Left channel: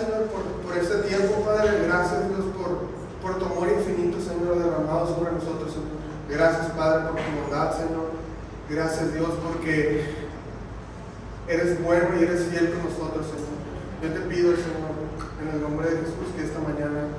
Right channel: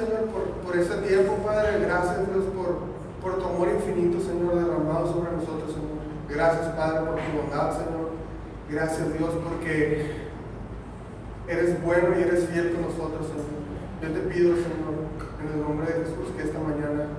Señor, por este tiempo, Padre. Gracias, Dios, por tu amor infinito, Señor, derramado sobre nosotros, Señor. Gracias, Padre, por tu bondad, Señor. Gracias, Dios, porque eres bueno y eres fiel con nosotros, Señor. Yo te pido, Señor, en el nombre de Jesús, que esta mañana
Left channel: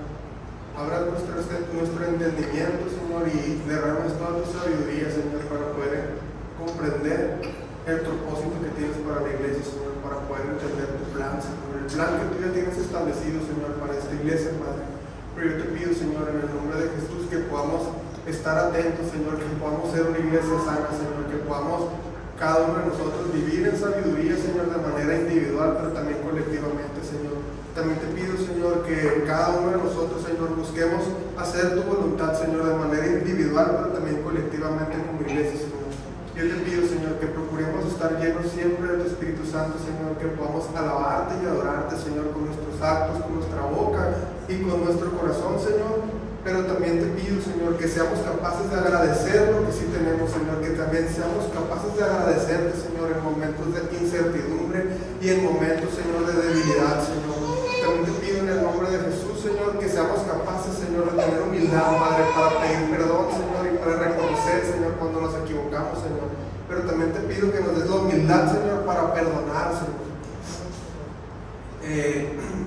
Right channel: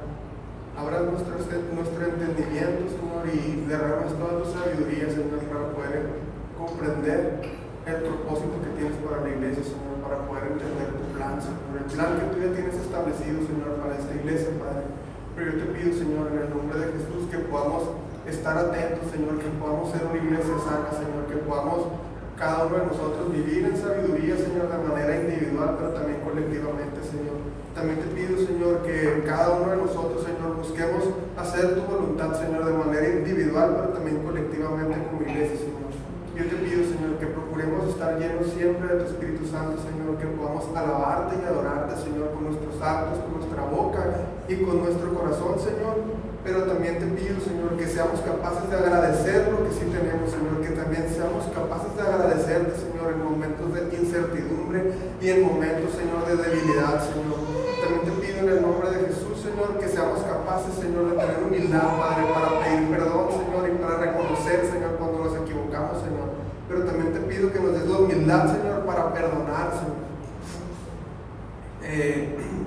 abras nuestro entendimiento, Señor, y derrames toda tu sabiduría, Señor, para poder comprender el propósito que tienes para la iglesia, Señor, para poder entender tu plan, Señor, el plan que tú ya tienes establecido, Señor, para esta iglesia, Padre. Pero yo te pido, Señor, en el nombre de Jesús, que podamos estar atentos, Señor, que podamos ser una iglesia sana, Señor, que podamos cada uno de nosotros vivir en sabiduría, Señor, de manera individual, pero también colectivamente, Señor. También te pido, Señor, que cada uno de nosotros, Señor, busquemos hacer tu voluntad, Señor, de manera individual, pero también colectivamente como iglesia, Señor. Yo te pido, Señor, que procuremos estar llenos siempre de tu Espíritu Santo, Señor, que podamos alabarte y adorarte, Señor, con nuestros actos, con nuestra boca y con nuestro corazón, Señor. Pero también te pido, Señor, que seamos capaces de agradecer lo que sí tenemos, Señor, que también seamos capaces de agradecerte, Señor, en momentos de incertidumbre y en momentos, Señor, de debilidad, Señor. También te pido en el nombre de Jesús, Señor, que seamos capaces, Señor, de tener humildad, Padre, para pedir perdón, Señor, y para reconocer, Señor, cuando nos equivocamos, Señor. Pero también te pido que nos des la humildad, Señor, para perdonar, Señor.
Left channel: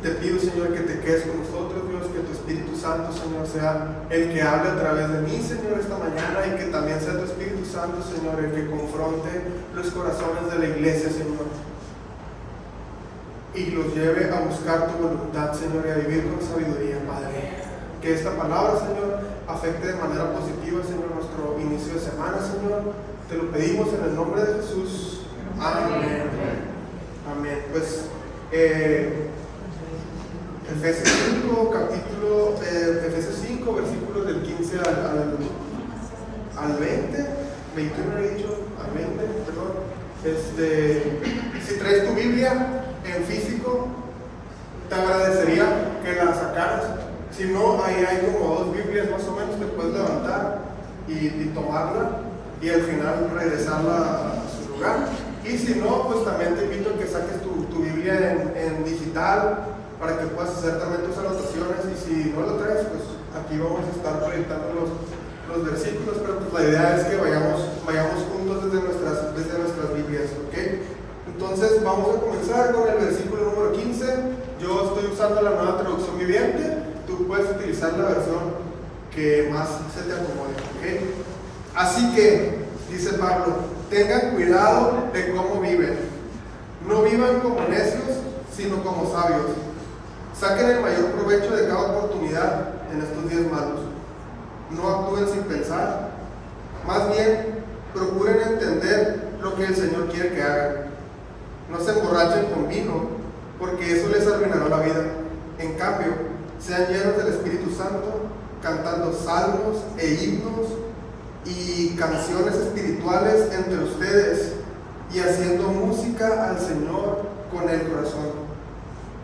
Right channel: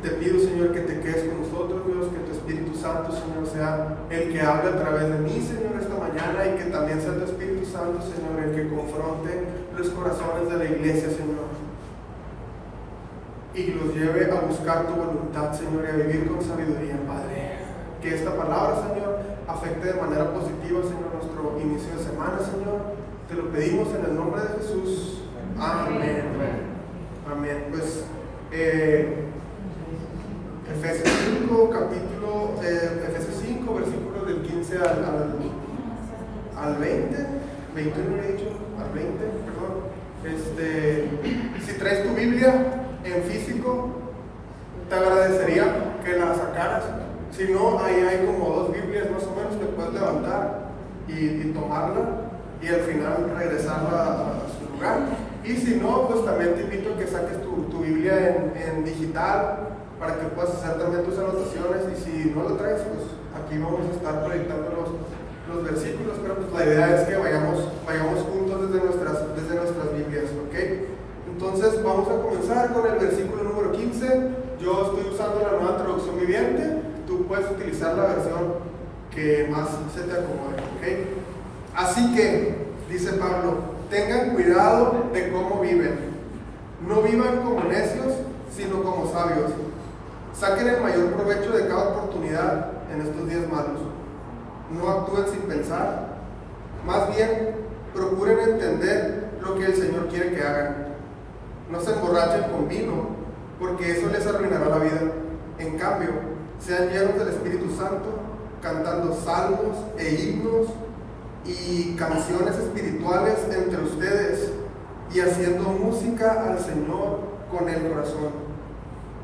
Te pido, Señor, que te quedes con nosotros, Dios, que tu Espíritu Santo, Señor, sea el que hable a través de mí, Señor, esta mañana, y que también sea tu Espíritu Santo, Señor, el que confronte los corazones de la iglesia, Señor, y los lleve a buscar tu voluntad, Señor, y a vivir con sabiduría, Padre. Que esta palabra, Señor, afecte de manera positiva, Señor, nuestro inicio de semana, Señor. Te lo pedimos en el nombre de Jesús. Amén. Amén. Pues Efesios 5, Efesios 5, versículos del 15 al 20, 21 he dicho, al 20, perdón. Si traes tu Biblia en físico, te agradecería que la sacaras. Si no, ahí hay como 2 Biblias más o menos que puedes levantar y tomarla y al final regresarla a su lugar. Y si no, pues también te invito a que saques tu Biblia en digital para que puedas hacer también tus anotaciones. Y si no lo traes, pues aquí vamos a estar proyectando los versículos, pero pues la idea es que vayamos juntos desde nuestras Biblias, ¿ok? Entonces vamos a comenzar con el versículo número 15. Yo estoy usando la Nueva Traducción Viviente. Tú puedes utilizar la versión que más se te acomode, ¿ok? Así que, dice Pablo, tengan cuidado de cómo viven. No vivan como necios, sino como sabios. Saquen el mayor provecho de cada oportunidad en estos días malos. No actúen sin pensar. Más bien, procuren entender lo que el Señor quiere que hagan. No se emborrachen con vino, porque eso les arruinará la vida. En cambio, sean llenos del Espíritu Santo, cantando salmos e himnos y canciones espirituales entre ustedes y haciendo música al Señor con el corazón.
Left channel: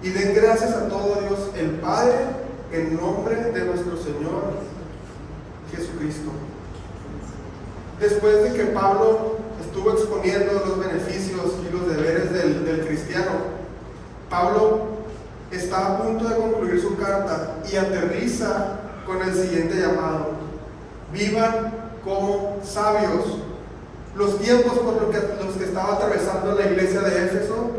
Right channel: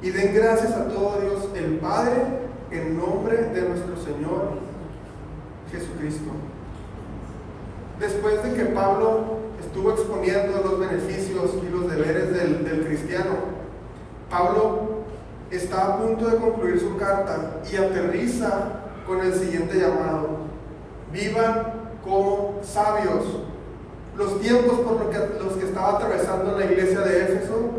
Y den gracias a todo Dios el Padre en nombre de nuestro Señor Jesucristo. Después de que Pablo estuvo exponiendo los beneficios y los deberes del cristiano, Pablo está a punto de concluir su carta y aterriza con el siguiente llamado: vivan como sabios. Los tiempos por los que estaba atravesando la iglesia de Éfeso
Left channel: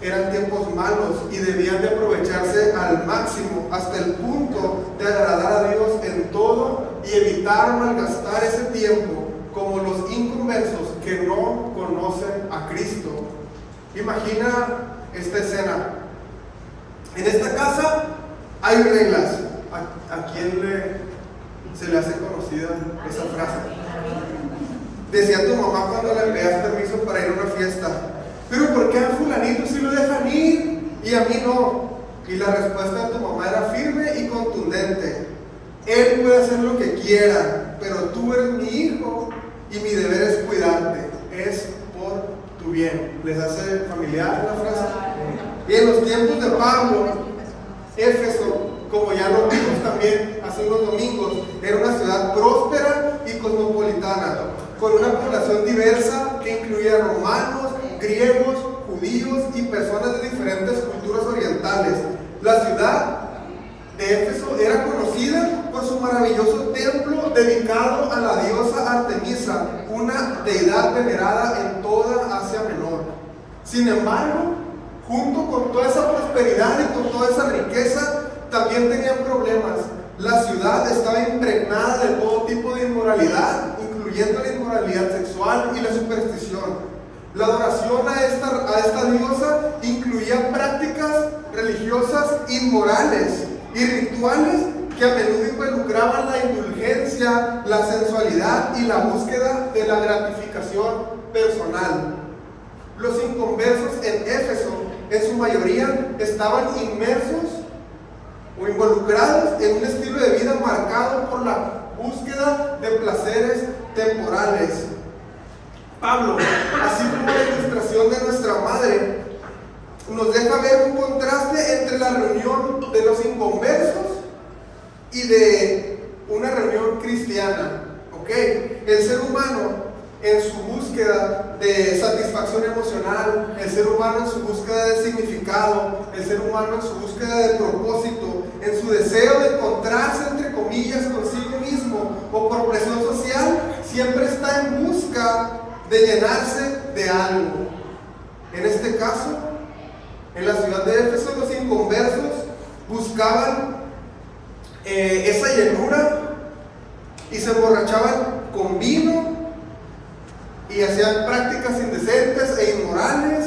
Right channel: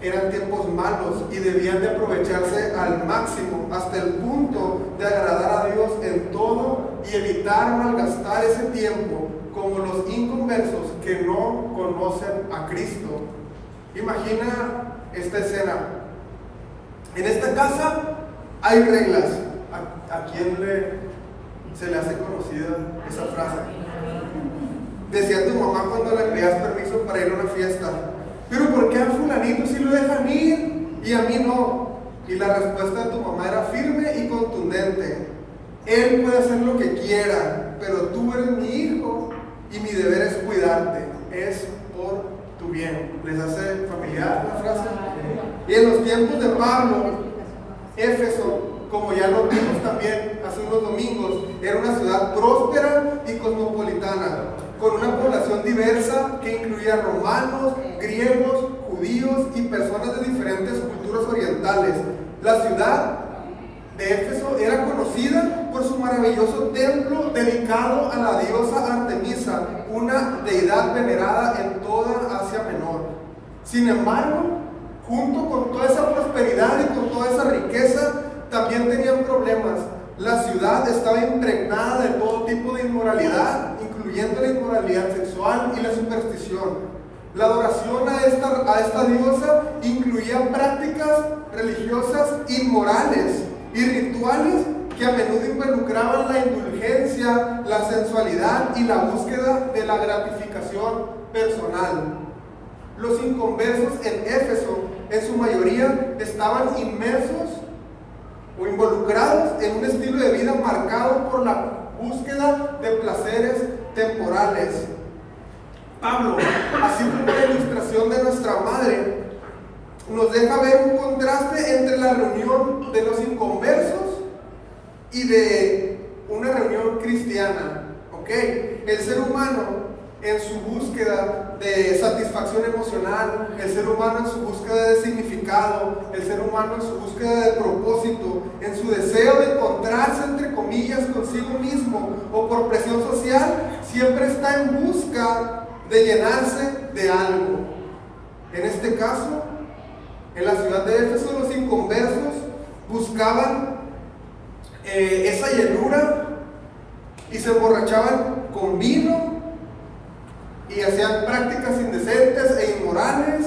eran tiempos malos y debían de aprovecharse al máximo hasta el punto de agradar a Dios en todo y evitar malgastar ese tiempo como los inconversos que no conocen a Cristo. Imagina esta escena. En esta casa hay reglas. ¿A quién se le hace conocida esa frase? Decía tu mamá cuando le pedías permiso para ir a una fiesta: ¿pero por qué a fulanito sí lo dejan ir y a mí no? Y la respuesta de tu mamá era firme y contundente: él puede hacer lo que quiera, pero tú eres mi hijo y mi deber es cuidarte, es por tu bien. ¿Les hace familiar la frase? Y en los tiempos de Pablo, Éfeso, como ya lo vimos también hace unos domingos, era una ciudad próspera y cosmopolitana, con una población diversa que incluía romanos, griegos, judíos y personas de diferentes culturas orientales. La ciudad de Éfeso era conocida por su maravilloso templo dedicado a la diosa Artemisa, una deidad venerada en toda Asia Menor. Sin embargo, junto con toda esa prosperidad y con toda esa riqueza, también tenían problemas. La ciudad estaba impregnada de todo tipo de inmoralidad, incluyendo la inmoralidad sexual y la superstición. La adoración a esta diosa incluía prácticas religiosas inmorales y rituales que a menudo involucraban la indulgencia, la sensualidad y la búsqueda de la gratificación personal. Los inconversos en Éfeso, en su mayoría, estaban inmersos o involucrados en un estilo de vida marcado por la búsqueda de placeres temporales. Pablo, así como la ilustración de nuestra madre, nos deja ver un contraste entre la reunión de los inconversos y de una reunión cristiana. ¿Ok? El ser humano, en su búsqueda de satisfacción emocional, el ser humano en su búsqueda de significado, el ser humano en su búsqueda de propósito, en su deseo de encontrarse entre comillas consigo mismo o por presión social, siempre está en busca de llenarse de algo. En este caso, en la ciudad de Éfeso, los inconversos buscaban esa llenura y se emborrachaban con vino y hacían prácticas indecentes e inmorales.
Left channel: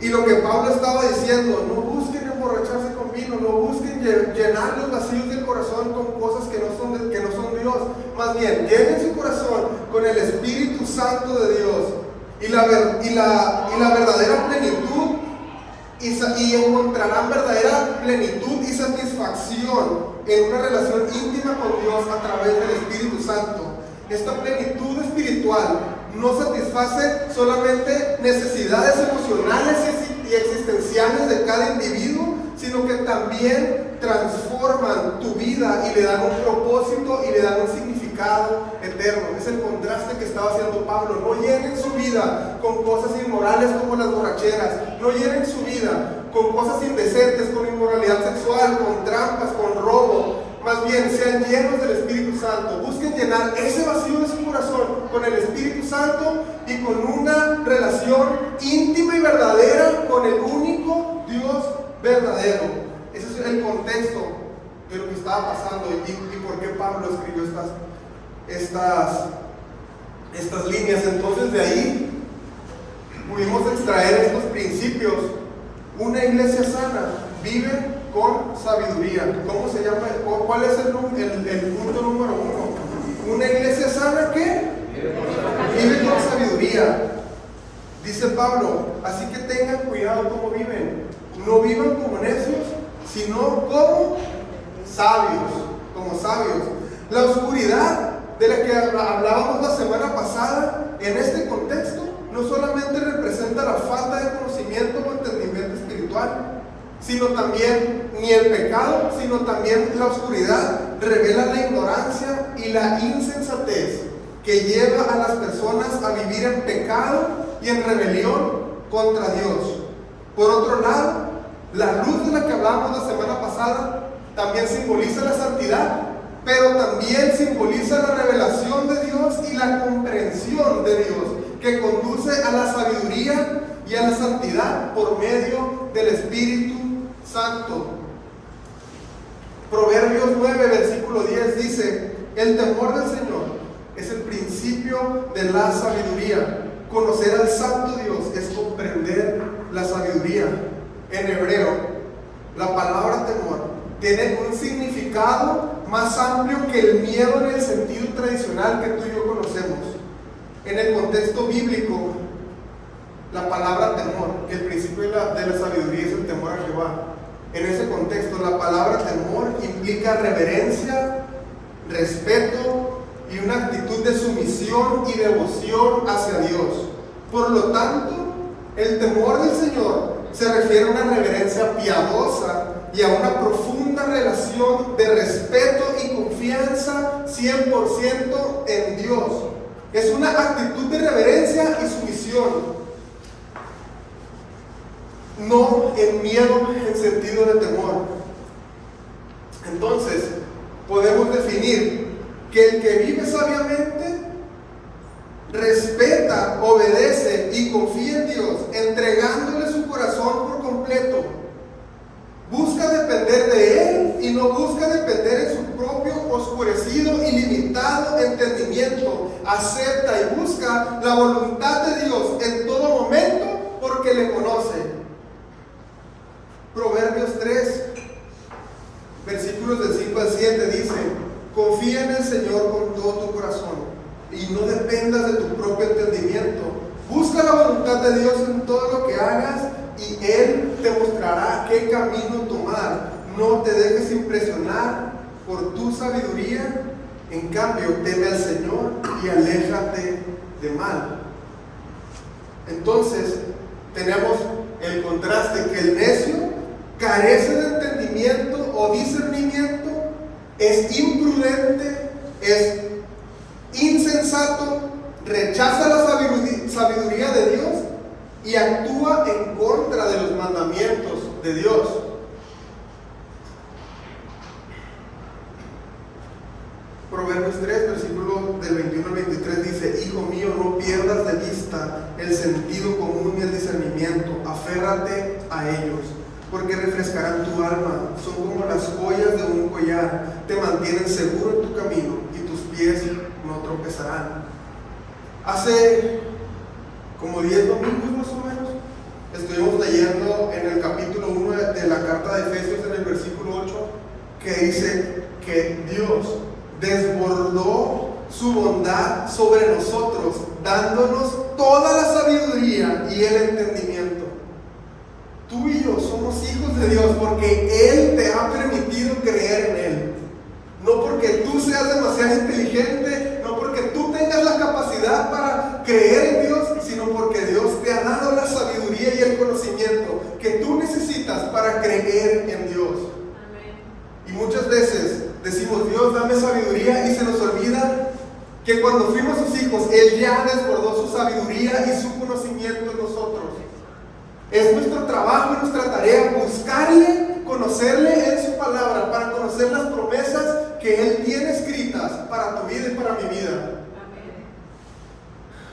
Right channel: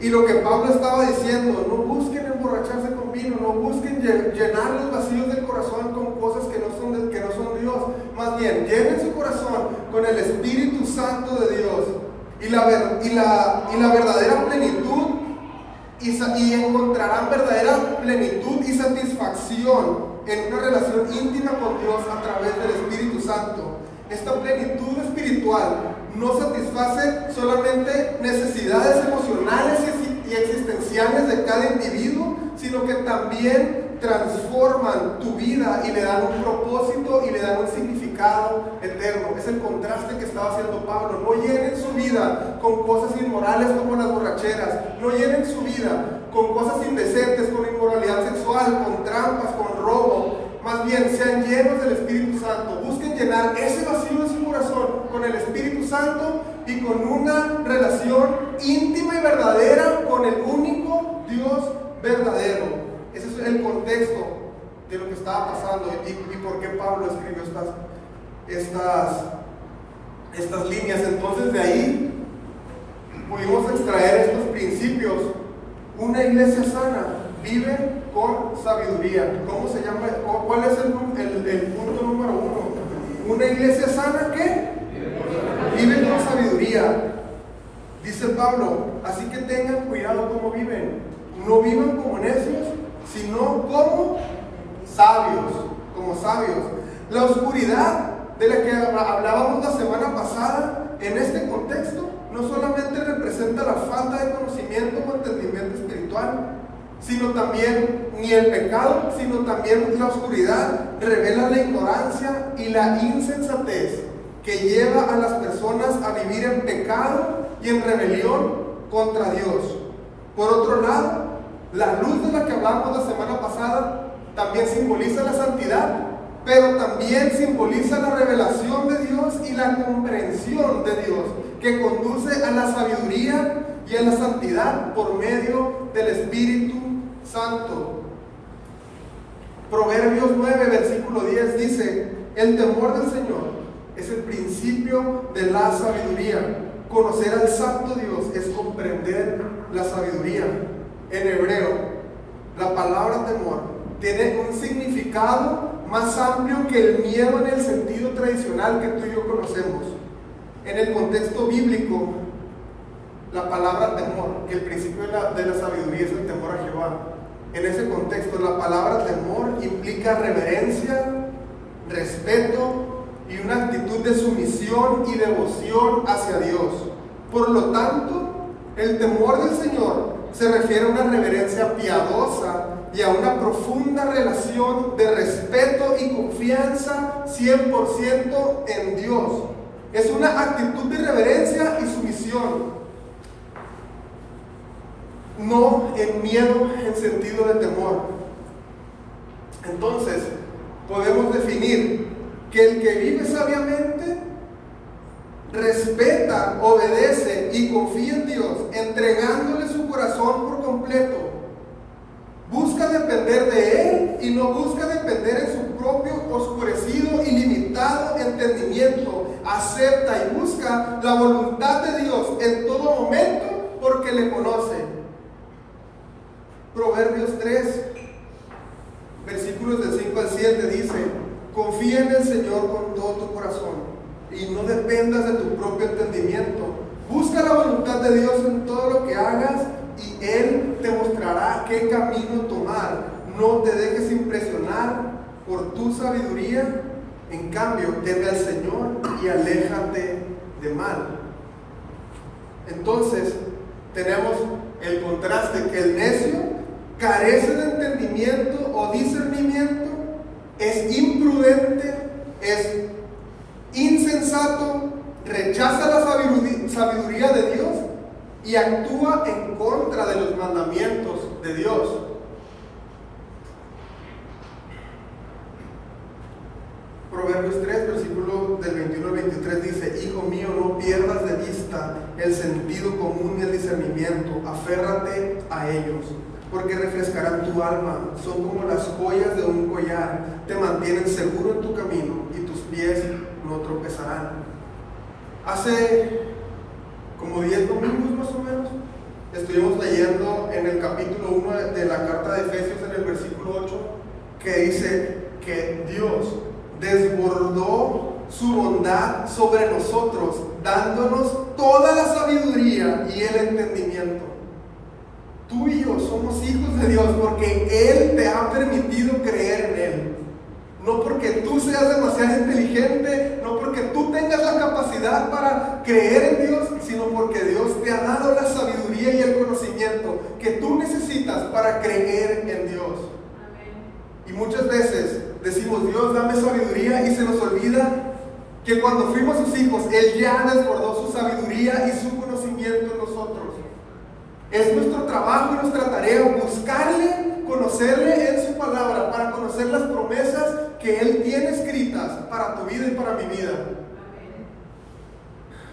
Y lo que Pablo estaba diciendo: no busquen emborracharse con vino, no busquen llenar los vacíos del corazón con cosas que no son Dios. Más bien, llenen su corazón con el Espíritu Santo de Dios y la verdadera plenitud, y encontrarán verdadera plenitud y satisfacción en una relación íntima con Dios a través del Espíritu Santo. Esta plenitud espiritual no satisface solamente necesidades emocionales y existenciales de cada individuo, sino que también transforman tu vida y le dan un propósito y le dan un significado eterno. Es el contraste que estaba haciendo Pablo. No llenen su vida con cosas inmorales como las borracheras, no llenen su vida con cosas indecentes, con inmoralidad sexual, con trampas, con robo. Más bien, sean llenos del Espíritu Santo. Busquen llenar ese vacío de su corazón con el Espíritu Santo y con una relación íntima y verdadera con el único Dios verdadero. Ese es el contexto de lo que estaba pasando y por qué Pablo escribió estas líneas. Entonces, de ahí pudimos extraer estos principios. Una iglesia sana vive con sabiduría. ¿Cómo se llama? ¿Cuál es el punto número 1? Una iglesia sana, ¿qué? Vive con sabiduría. Dice Pablo, así que tengan cuidado cómo viven. No vivan como necios, sino como sabios. La oscuridad de la que hablábamos la semana pasada, en este contexto, no solamente representa la falta de conocimiento o entendimiento espiritual, sino también, ni el pecado, sino también la oscuridad revela la ignorancia y la insensatez que lleva a las personas a vivir en pecado y en rebelión contra Dios. Por otro lado, la luz de la que hablábamos la semana pasada también simboliza la santidad, pero también simboliza la revelación de Dios y la comprensión de Dios, que conduce a la sabiduría y a la santidad por medio del Espíritu Santo. Proverbios 9, versículo 10 dice: el temor del Señor es el principio de la sabiduría. Conocer al Santo Dios es comprender la sabiduría. En hebreo, la palabra temor tiene un significado más amplio que el miedo en el sentido tradicional que tú y yo conocemos. En el contexto bíblico, la palabra temor, el principio de la sabiduría es el temor a Jehová. En ese contexto, la palabra temor implica reverencia, respeto y una actitud de sumisión y devoción hacia Dios. Por lo tanto, el temor del Señor se refiere a una reverencia piadosa y a una profunda relación de respeto y confianza 100% en Dios. Es una actitud de reverencia y sumisión. no en miedo en sentido de temor. Entonces, podemos definir que el que vive sabiamente respeta, obedece y confía en Dios, entregándole su corazón por completo. Busca depender de Él y no busca depender en su propio oscurecido y limitado entendimiento. Acepta y busca la voluntad de Dios en todo momento porque le conoce. Proverbios 3, versículos del 5 al 7 dice: confía en el Señor con todo tu corazón y no dependas de tu propio entendimiento. Busca la voluntad de Dios en todo lo que hagas y Él te mostrará qué camino tomar. No te dejes impresionar por tu sabiduría. En cambio, teme al Señor y aléjate de mal. Entonces, tenemos el contraste que el necio carece de entendimiento o discernimiento, es imprudente, es insensato, rechaza la sabiduría de Dios y actúa en contra de los mandamientos de Dios. Proverbios 3, versículo del 21 al 23 dice: hijo mío, no pierdas de vista el sentido común y el discernimiento, aférrate a ellos, porque refrescarán tu alma, son como las joyas de un collar, te mantienen seguro en tu camino y tus pies no tropezarán. Hace como 10 domingos más o menos, estuvimos leyendo en el capítulo 1 de la carta de Efesios, en el versículo 8, que dice que Dios desbordó su bondad sobre nosotros, dándonos toda la sabiduría y el entendimiento. Tú y yo somos hijos de Dios porque Él te ha permitido creer en Él. No porque tú seas demasiado inteligente, no porque tú tengas la capacidad para creer en Dios, sino porque Dios te ha dado la sabiduría y el conocimiento que tú necesitas para creer en Dios. Amén. Y muchas veces decimos: Dios, dame sabiduría, y se nos olvida que cuando fuimos sus hijos, Él ya desbordó su sabiduría y su conocimiento en nosotros. Es nuestro trabajo y nuestra tarea buscarle, conocerle en su palabra, para conocer las promesas que Él tiene escritas para tu vida y para mi vida. Amén.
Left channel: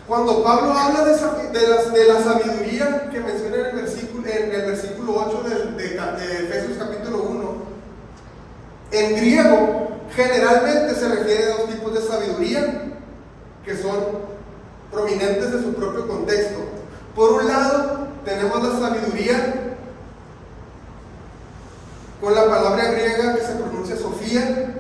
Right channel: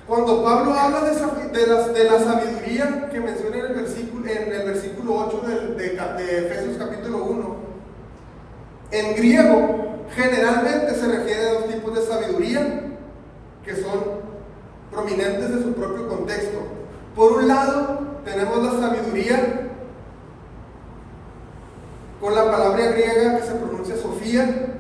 Cuando Pablo habla de la sabiduría que menciona en el versículo 8 de Efesios capítulo 1, en griego generalmente se refiere a dos tipos de sabiduría que son prominentes de su propio contexto. Por un lado, tenemos la sabiduría con la palabra griega que se pronuncia Sofía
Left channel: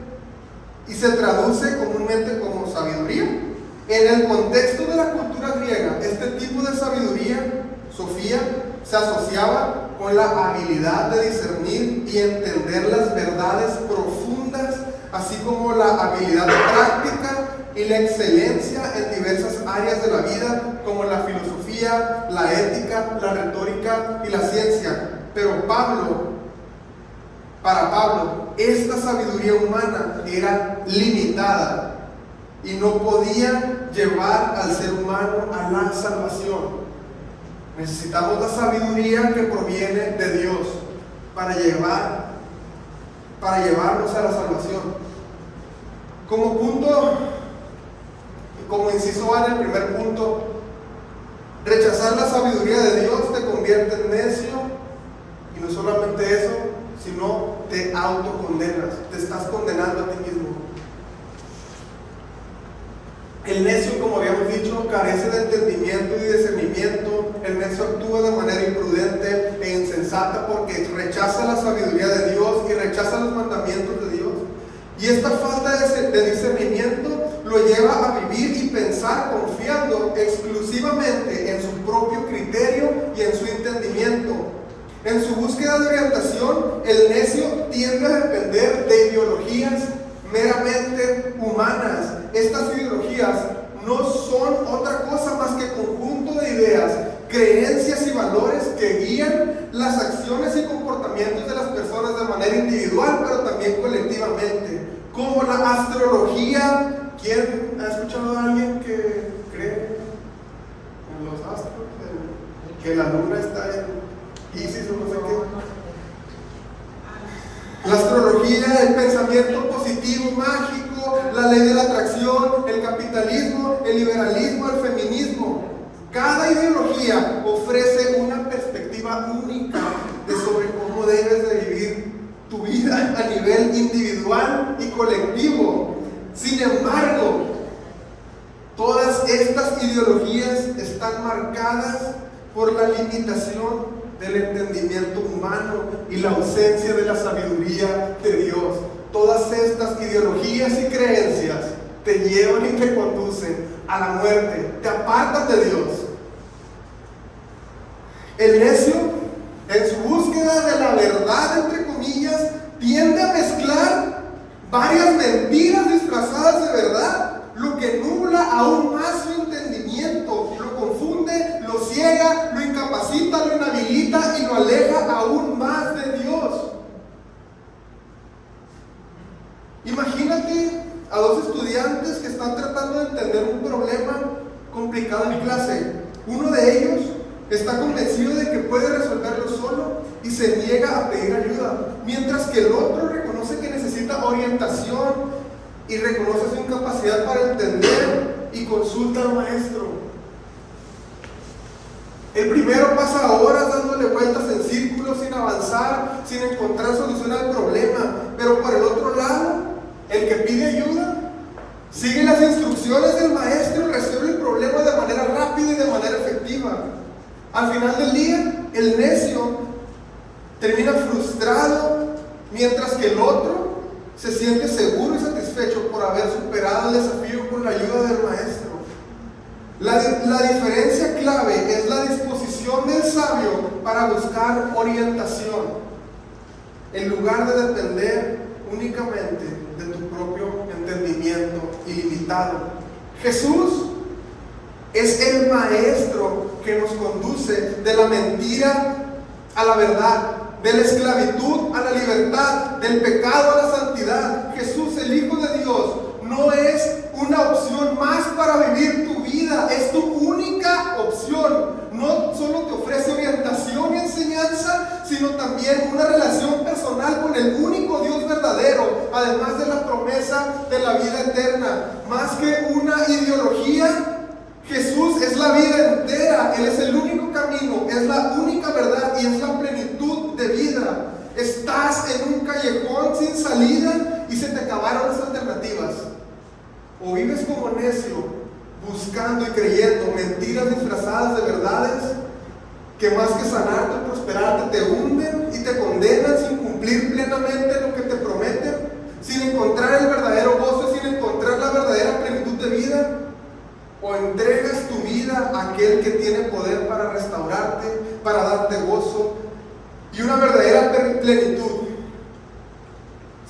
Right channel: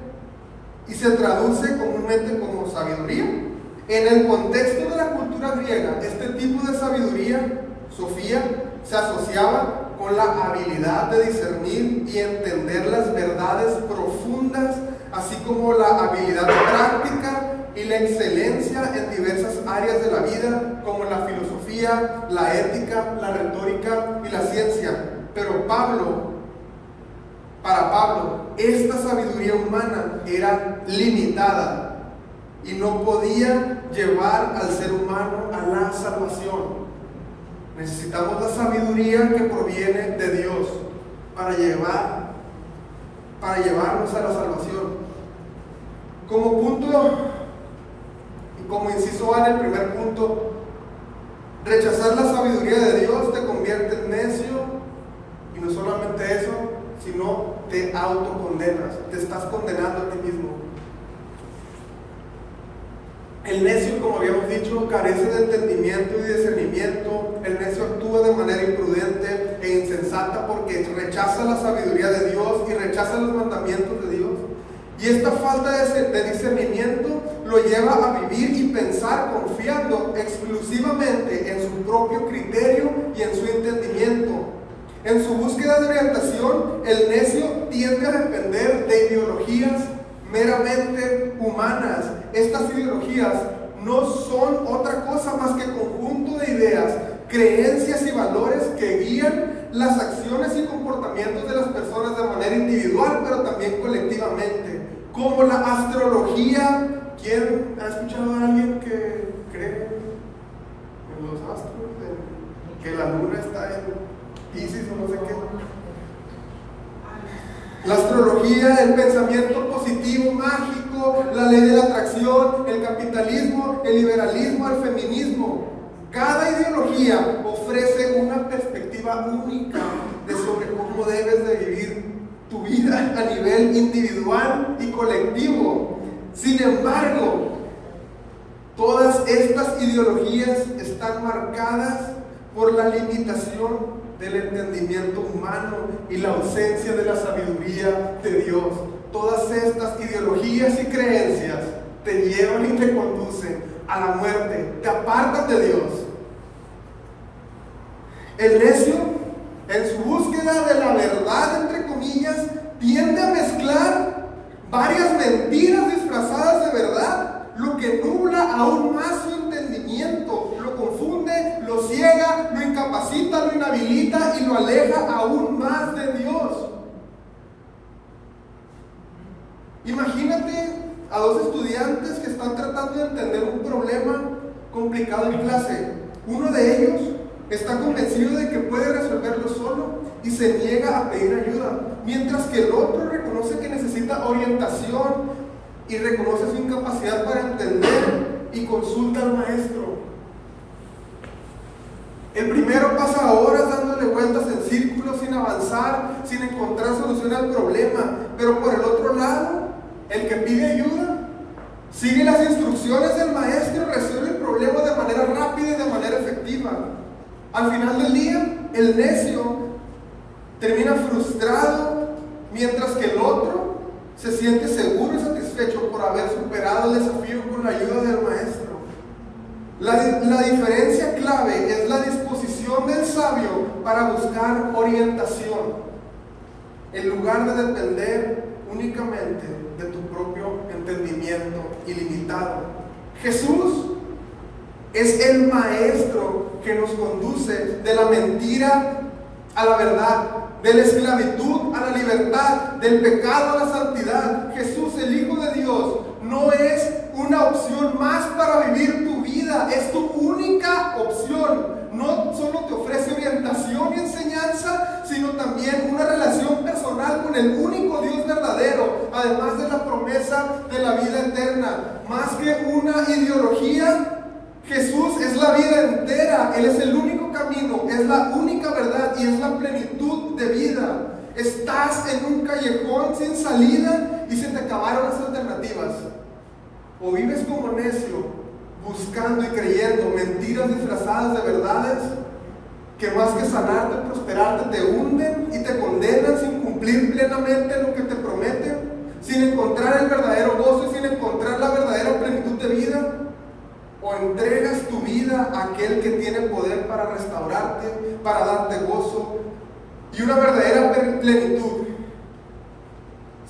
y se traduce comúnmente como sabiduría. En el contexto de la cultura griega, este tipo de sabiduría, Sofía, se asociaba con la habilidad de discernir y entender las verdades profundas, así como la habilidad de práctica y la excelencia en diversas áreas de la vida, como la filosofía, la ética, la retórica y la ciencia. Pero para Pablo, esta sabiduría humana era limitada y no podía llevar al ser humano a la salvación. Necesitamos la sabiduría que proviene de Dios para llevarnos a la salvación. Como punto, como inciso A en el primer punto, rechazar la sabiduría de Dios te convierte en necio, y no solamente eso, sino te autocondenas, te estás condenando a ti mismo. El necio, como habíamos dicho, carece de entendimiento y discernimiento. El necio actúa de manera imprudente e insensata porque rechaza la sabiduría de Dios y rechaza los mandamientos de Dios. Y esta falta de discernimiento lo lleva a vivir y pensar confiando exclusivamente en su propio criterio y en su entendimiento. En su búsqueda de orientación, el necio tiende a depender de ideologías meramente humanas. Estas ideologías no son otra cosa más que conjunto de ideas, creencias y valores que guían las acciones y comportamientos de las personas de manera individual, pero también colectivamente, como la astrología. ¿Quién ha escuchado a alguien que cree en los astros? Que la luna está Isis o no sé qué. La astrología, el pensamiento positivo, mágico, la ley de la atracción, el capitalismo, el liberalismo, el feminismo. Cada ideología ofrece una perspectiva única de sobre cómo debes de vivir tu vida a nivel individual y colectivo. Sin embargo, todas estas ideologías están marcadas por la limitación del entendimiento humano y la ausencia de la sabiduría de Dios. Todas estas ideologías y creencias te llevan y te conducen a la muerte, te apartan de Dios. El necio, en su búsqueda de la verdad, entre comillas, tiende a mezclar varias mentiras disfrazadas de verdad, lo que nubla aún más su entendimiento, lo confunde, lo ciega, lo incapacita, lo inhabilita y lo aleja aún más de Dios. Imagínate a dos estudiantes que están tratando de entender un problema complicado en clase. Uno de ellos está convencido de que puede resolverlo solo y se niega a pedir ayuda, mientras que el otro reconoce que necesita orientación y reconoce su incapacidad para entender y consulta al maestro. El primero pasa horas dándole vueltas en círculos sin avanzar, sin encontrar solución al problema, pero por el otro lado, el que pide ayuda sigue las instrucciones del maestro, resuelve el problema de manera rápida y de manera efectiva. Al final del día, el necio termina frustrado, mientras que el otro se siente seguro y satisfecho por haber superado el desafío con la ayuda del maestro. La diferencia clave es la disposición del sabio para buscar orientación, en lugar de depender únicamente de tu propio entendimiento ilimitado. Jesús es el maestro que nos conduce de la mentira a la verdad, de la esclavitud a la libertad, del pecado a la santidad. Jesús, el Hijo de Dios, no es una opción más para vivir tu vida, es tu única opción. No solo te ofrece orientación y enseñanza, sino también una relación personal con el único Dios verdadero, además de la promesa de la vida eterna. Más que una ideología, Jesús es la vida entera. Él es el único camino, es la única verdad y es la plenitud de vida. Estás en un callejón sin salida y se te acabaron las alternativas. O vives como necio, buscando y creyendo mentiras disfrazadas de verdades que más que sanarte o prosperarte te hunden y te condenan sin cumplir plenamente lo que te prometen, sin encontrar el verdadero gozo y sin encontrar la verdadera plenitud de vida. O entregas tu vida a aquel que tiene poder para restaurarte, para darte gozo y una verdadera plenitud.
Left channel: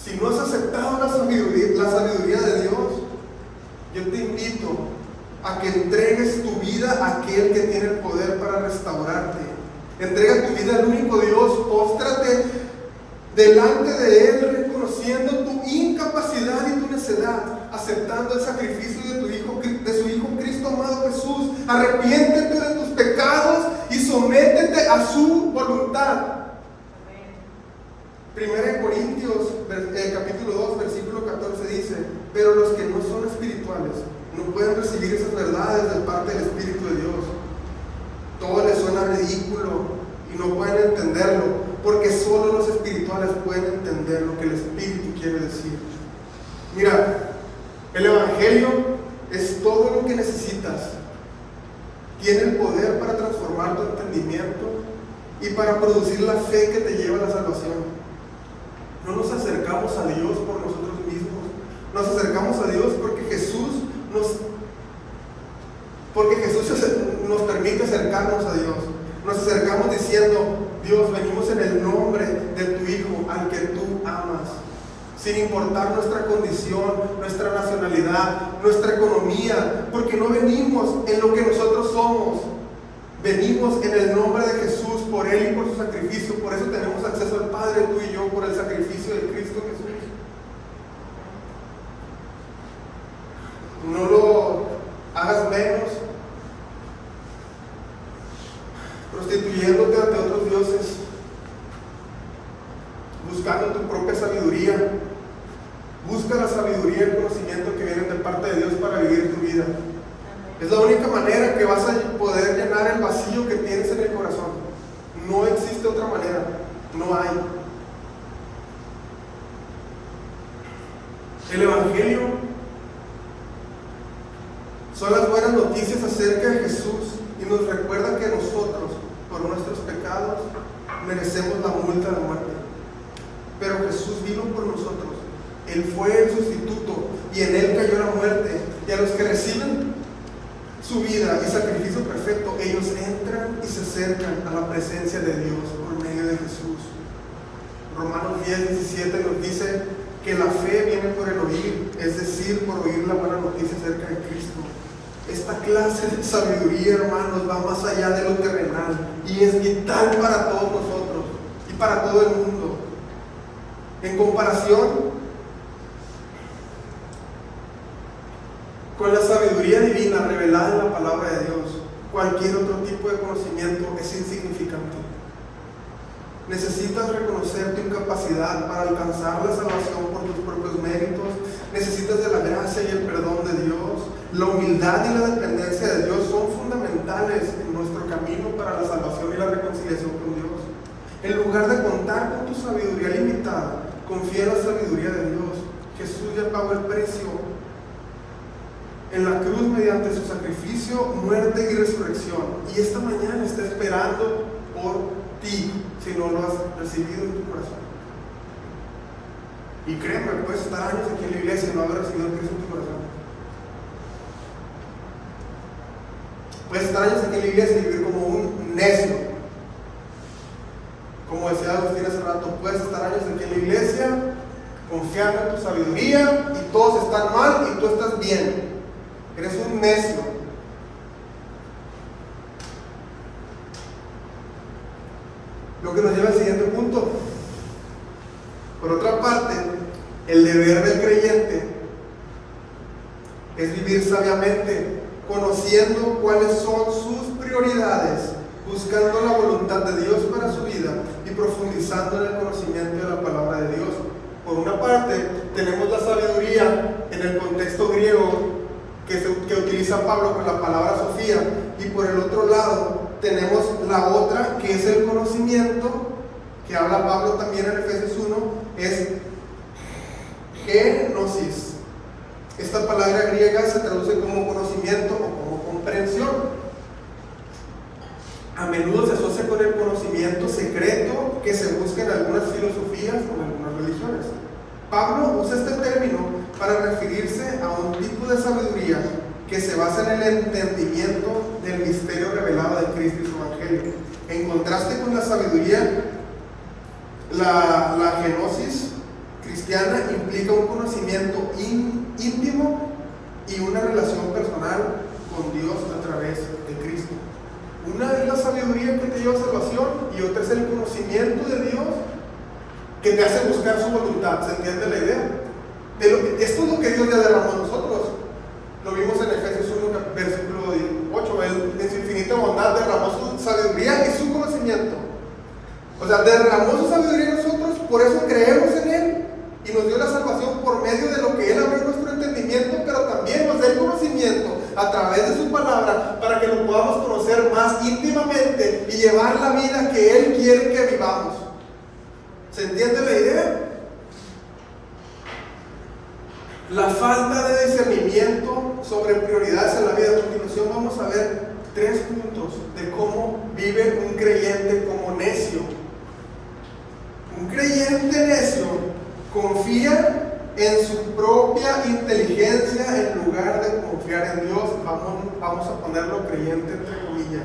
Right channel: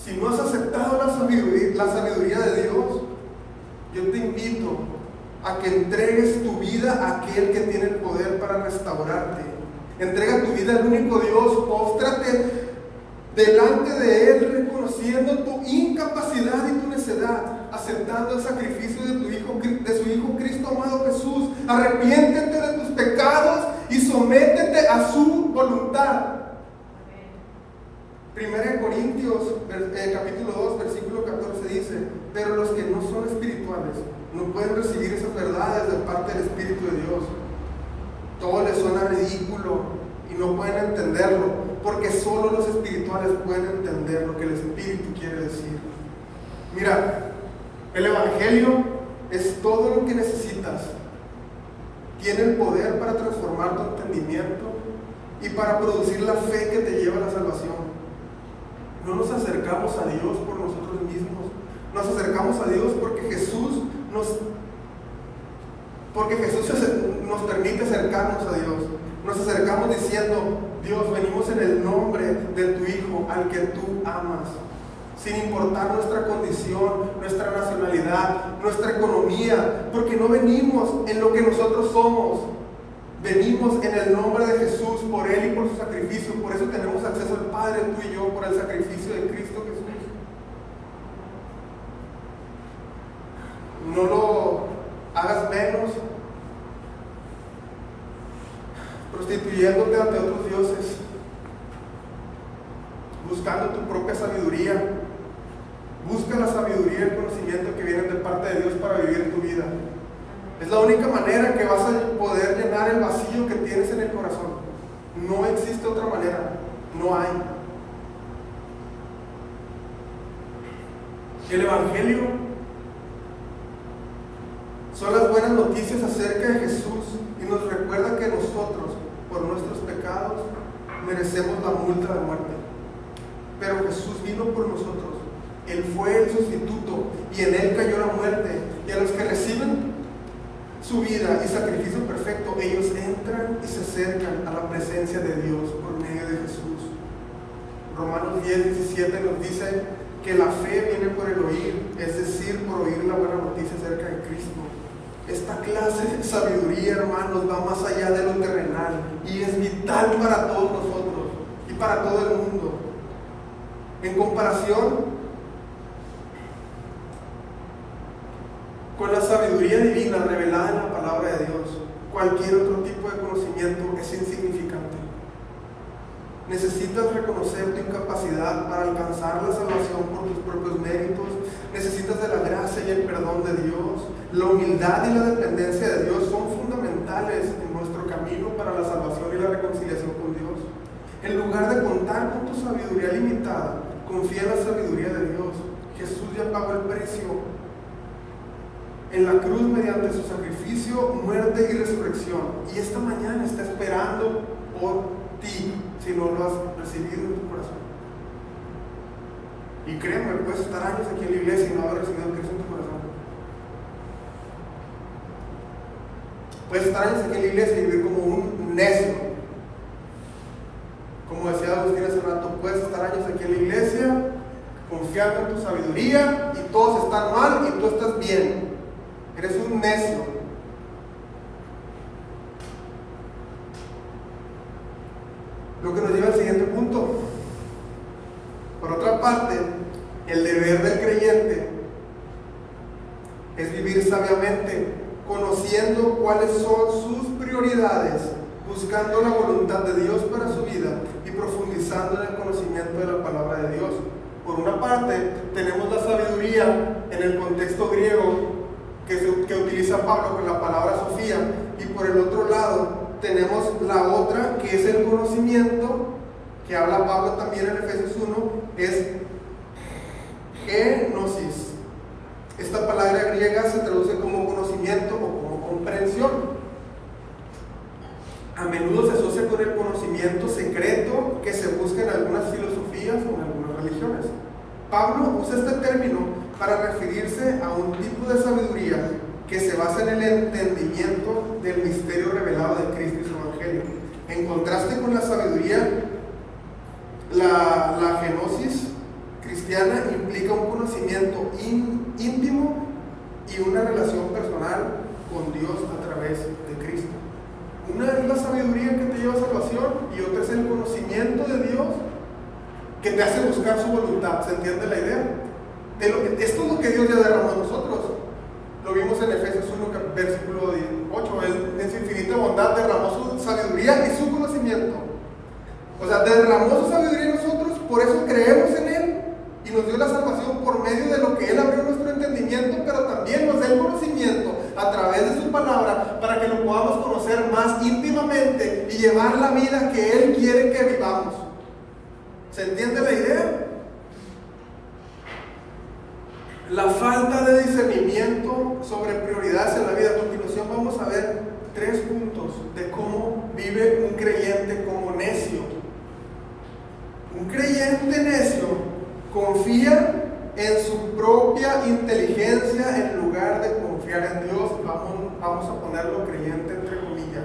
Si no has aceptado la sabiduría de Dios, yo te invito a que entregues tu vida a aquel que tiene el poder para restaurarte. Entrega tu vida al único Dios, póstrate delante de Él, reconociendo tu incapacidad y tu necedad, aceptando el sacrificio de su Hijo Cristo amado Jesús. Arrepiéntete de tus pecados y sométete a su voluntad. 1 Corintios capítulo 2 versículo 14 dice: pero los que no son espirituales no pueden recibir esas verdades de parte del Espíritu de Dios. Todo les suena ridículo y no pueden entenderlo, porque solo los espirituales pueden entender lo que el Espíritu quiere decir. Mira, el Evangelio es todo lo que necesitas. Tiene el poder para transformar tu entendimiento y para producir la fe que te lleva a la salvación. No nos acercamos a Dios por nosotros mismos. Nos acercamos a Dios porque Jesús nos permite acercarnos a Dios. Nos acercamos diciendo: Dios, venimos en el nombre de tu Hijo, al que tú amas, sin importar nuestra condición, nuestra nacionalidad, nuestra economía, porque no venimos en lo que nosotros somos. Venimos en el nombre de Jesús, por Él y por su sacrificio. Por eso tenemos acceso al Padre, tú y yo, por el sacrificio de Cristo Jesús. No lo hagas menos prostituyéndote ante otros dioses. Busca la sabiduría y el conocimiento que vienen de parte de Dios para vivir tu vida. Es la única manera que vas a poder llenar el vacío que tienes en el corazón. No existe otra manera, no hay. El Evangelio son las buenas noticias acerca de Jesús y nos recuerda que nosotros, por nuestros pecados, merecemos la multa de muerte. Pero Jesús vino por nosotros. Él fue el sustituto y en Él cayó la muerte. Y a los que reciben su vida y sacrificio perfecto, ellos entran y se acercan a la presencia de Dios por medio de Jesús. Romanos 10:17 nos dice que la fe viene por el oír, es decir, por oír la buena noticia acerca de Cristo. Esta clase de sabiduría, hermanos, va más allá de lo terrenal y es vital para todos nosotros y para todo el mundo. En comparación con la sabiduría divina revelada en la palabra de Dios, cualquier otro tipo de conocimiento es insignificante. Necesitas reconocer tu incapacidad para alcanzar la salvación por tus propios méritos. Necesitas de la gracia y el perdón de Dios. La humildad y la dependencia de Dios son fundamentales en nuestro camino para la salvación y la reconciliación con Dios. En lugar de contar con tu sabiduría limitada, confía en la sabiduría de Dios. Jesús ya pagó el precio en la cruz mediante su sacrificio, muerte y resurrección. Y esta mañana está esperando por ti, si no lo has recibido en tu corazón. Y créeme, puedes estar años aquí en la iglesia y no haber recibido a Cristo en tu corazón. Puedes estar años aquí en la iglesia y vivir como un necio. Como decía Agustín hace rato, puedes estar años aquí en la iglesia, confiando en tu sabiduría y todos están mal y tú estás bien. Eres un necio. Lo que nos lleva al siguiente punto. Por otra parte, el deber del creyente es vivir sabiamente, conociendo cuáles son sus prioridades, buscando la voluntad de Dios para su vida y profundizando en el conocimiento de la palabra de Dios. Por una parte, tenemos la sabiduría en el contexto griego que utiliza Pablo con la palabra Sofía, y por el otro lado tenemos la otra que es el conocimiento, que habla Pablo también en Efesios 1, es genosis. Esta palabra griega se traduce como conocimiento o como comprensión. A menudo se asocia con el conocimiento secreto que se busca en algunas filosofías o en algunas religiones. Pablo usa este término para referirse a un tipo de sabiduría que se basa en el entendimiento del misterio revelado de Cristo y su Evangelio. En contraste con la sabiduría, la genosis cristiana implica un conocimiento íntimo y una relación personal con Dios a través de Cristo. Una es la sabiduría que te lleva a salvación y otra es el conocimiento de Dios que te hace buscar su voluntad. ¿Se entiende la idea? Esto es lo que Dios ya derramó a nosotros. Lo vimos en Efesios 1, versículo 8. Él en su infinita bondad derramó su sabiduría y su conocimiento. O sea, derramó su sabiduría en nosotros, por eso creemos en Él y nos dio la salvación por medio de lo que Él abrió nuestro entendimiento, pero también nos da el conocimiento a través de su palabra para que lo podamos conocer más íntimamente y llevar la vida que Él quiere que vivamos. ¿Se entiende la idea? La falta de discernimiento sobre prioridades en la vida. A continuación vamos a ver 3 puntos de cómo vive un creyente como necio. Un creyente necio confía en su propia inteligencia en lugar de confiar en Dios. Vamos a ponerlo creyente entre comillas.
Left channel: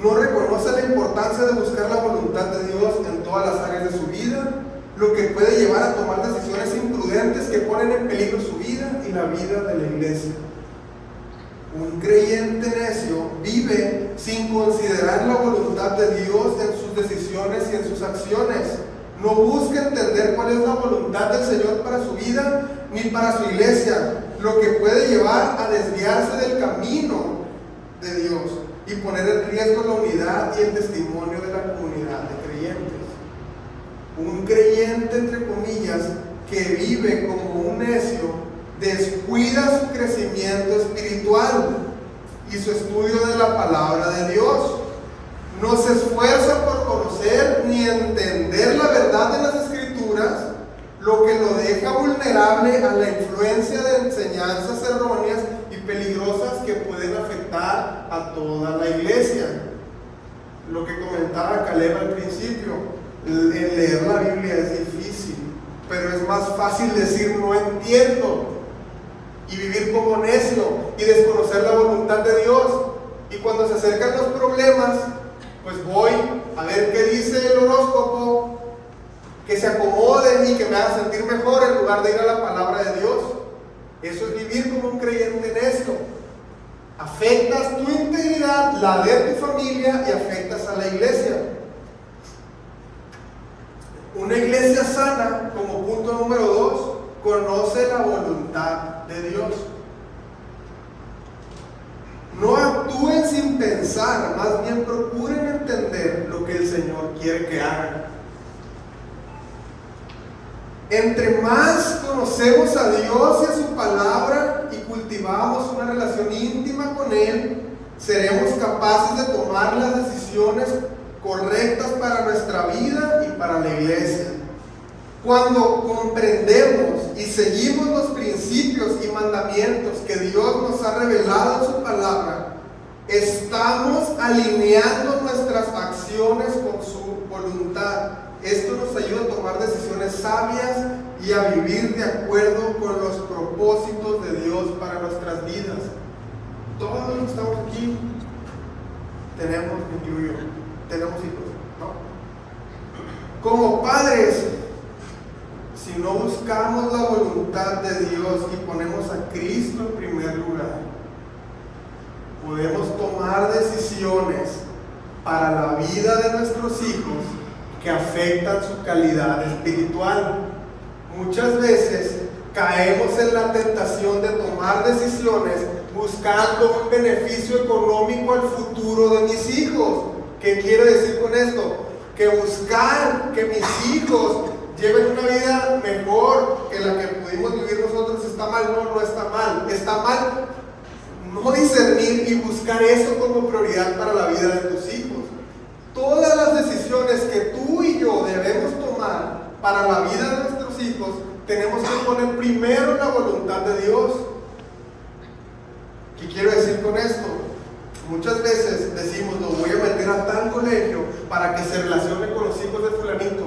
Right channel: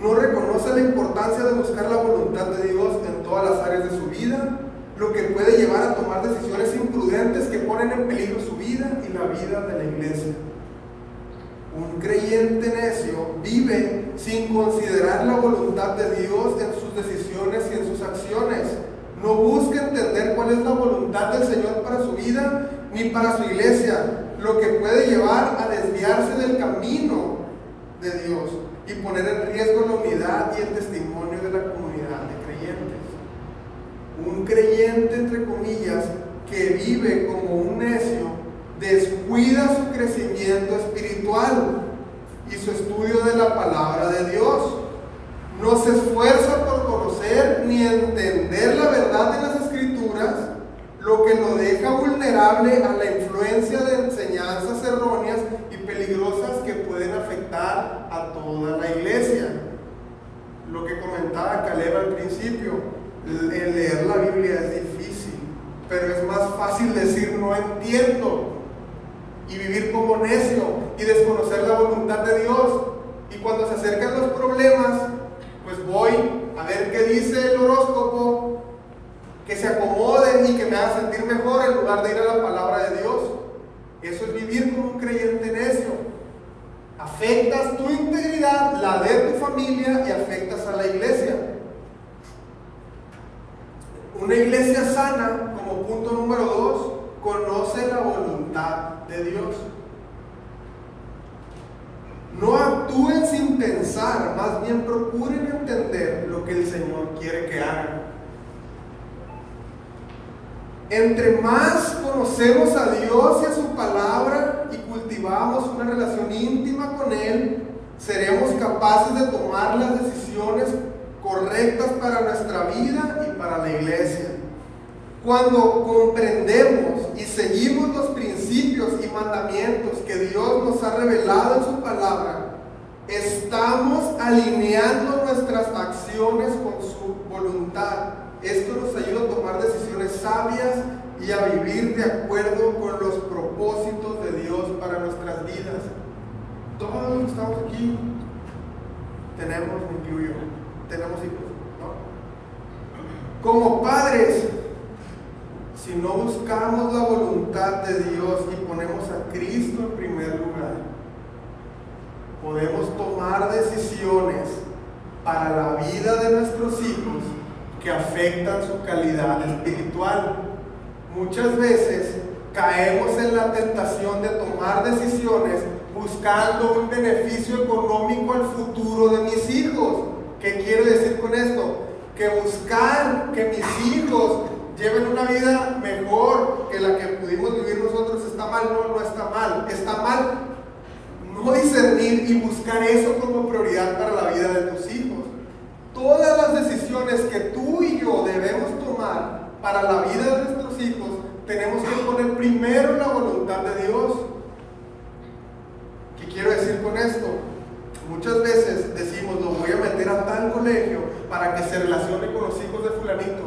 No reconoce la importancia de buscar la voluntad de Dios en todas las áreas de su vida, lo que puede llevar a tomar decisiones imprudentes que ponen en peligro su vida y la vida de la iglesia. Un creyente necio vive sin considerar la voluntad de Dios en sus decisiones y en sus acciones. No busca entender cuál es la voluntad del Señor para su vida ni para su iglesia, lo que puede llevar a desviarse del camino de Dios y poner en riesgo la unidad y el testimonio de la comunidad de creyentes. Un creyente, entre comillas, que vive como un necio descuida su crecimiento espiritual y su estudio de la palabra de Dios. No se esfuerza por conocer ni entender la verdad de las Escrituras, lo que lo deja vulnerable a la influencia de enseñanzas erróneas y peligrosas que pueden afectar a toda la iglesia. Lo que comentaba Caleb al principio, el leer la Biblia es difícil, pero es más fácil decir no entiendo y vivir como necio y desconocer la voluntad de Dios. Y cuando se acercan los problemas, pues voy a ver qué dice el horóscopo, que se acomoden y que me hagan sentir mejor en lugar de ir a la palabra de Dios. Eso es vivir como un creyente necio. Afectas tu integridad, la de tu familia, y afectas a la iglesia. Una iglesia sana, como punto número 2, conoce la voluntad de Dios. No actúen sin pensar, más bien procuren entender lo que el Señor quiere que hagan. Entre más conocemos a Dios y a su palabra y cultivamos una relación íntima con Él, seremos capaces de tomar las decisiones correctas para nuestra vida y para la iglesia. Cuando comprendemos y seguimos los principios y mandamientos que Dios nos ha revelado en su palabra, estamos alineando nuestras acciones con su voluntad. Esto nos ayuda a tomar decisiones sabias y a vivir de acuerdo con los propósitos de Dios para nuestras vidas. Todos los que estamos aquí tenemos, me incluyo, tenemos hijos, ¿no? Como padres, si no buscamos la voluntad de Dios y ponemos a Cristo en primer lugar, podemos tomar decisiones para la vida de nuestros hijos que afectan su calidad espiritual. Muchas veces caemos en la tentación de tomar decisiones buscando un beneficio económico al futuro de mis hijos. ¿Qué quiero decir con esto? Que buscar que mis hijos lleven una vida mejor que la que pudimos vivir nosotros está mal. No está mal. Está mal no discernir y buscar eso como prioridad para la vida de tus hijos. Todas las decisiones que tú y yo debemos tomar para la vida de nuestros hijos, tenemos que poner primero la voluntad de Dios. ¿Qué quiero decir con esto? Muchas veces decimos, lo voy a meter a tal colegio para que se relacione con los hijos de fulanito.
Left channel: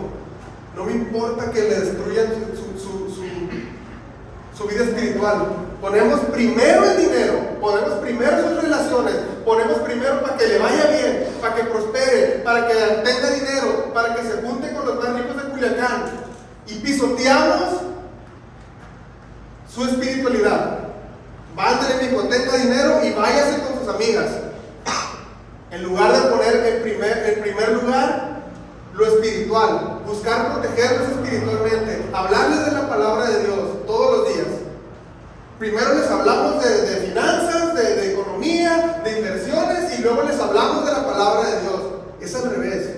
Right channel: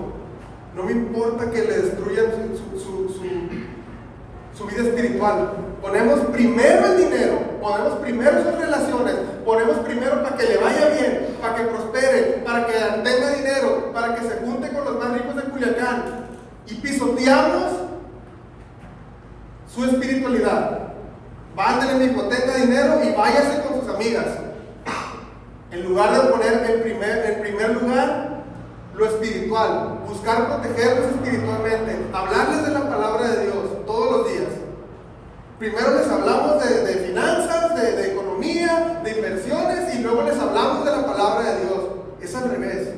No me importa que le destruyan su vida espiritual. Ponemos primero el dinero, ponemos primero sus relaciones, ponemos primero para que le vaya bien, para que prospere, para que tenga dinero, para que se junte con los más ricos de Culiacán, y pisoteamos su espiritualidad. Vándale mi hijo, tenga dinero y váyase con sus amigas, en lugar de poner en primer lugar lo espiritual, buscar protegerlos espiritualmente, hablarles de la palabra de Dios todos los días. Primero les hablamos de finanzas, de economía, de inversiones, y luego les hablamos de la palabra de Dios. Es al revés.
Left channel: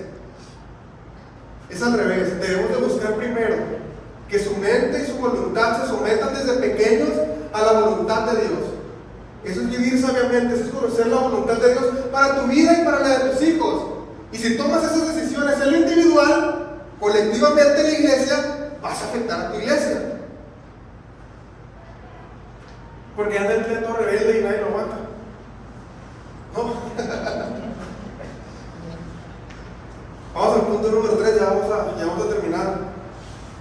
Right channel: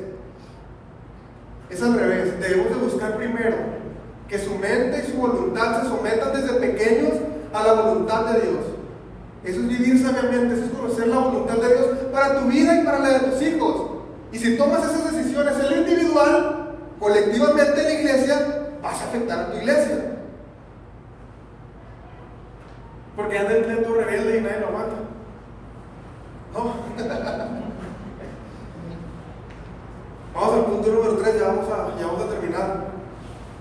Es al revés. Debemos de buscar primero que su mente y su voluntad se sometan desde pequeños a la voluntad de Dios. Eso es vivir sabiamente, eso es conocer la voluntad de Dios para tu vida y para la de tus hijos. Y si tomas esas decisiones en lo individual, colectivamente en la iglesia, vas a afectar a tu iglesia. Porque anda el pleito rebelde y nadie lo aguanta. ¿No? Vamos al punto número 3, ya vamos a terminar.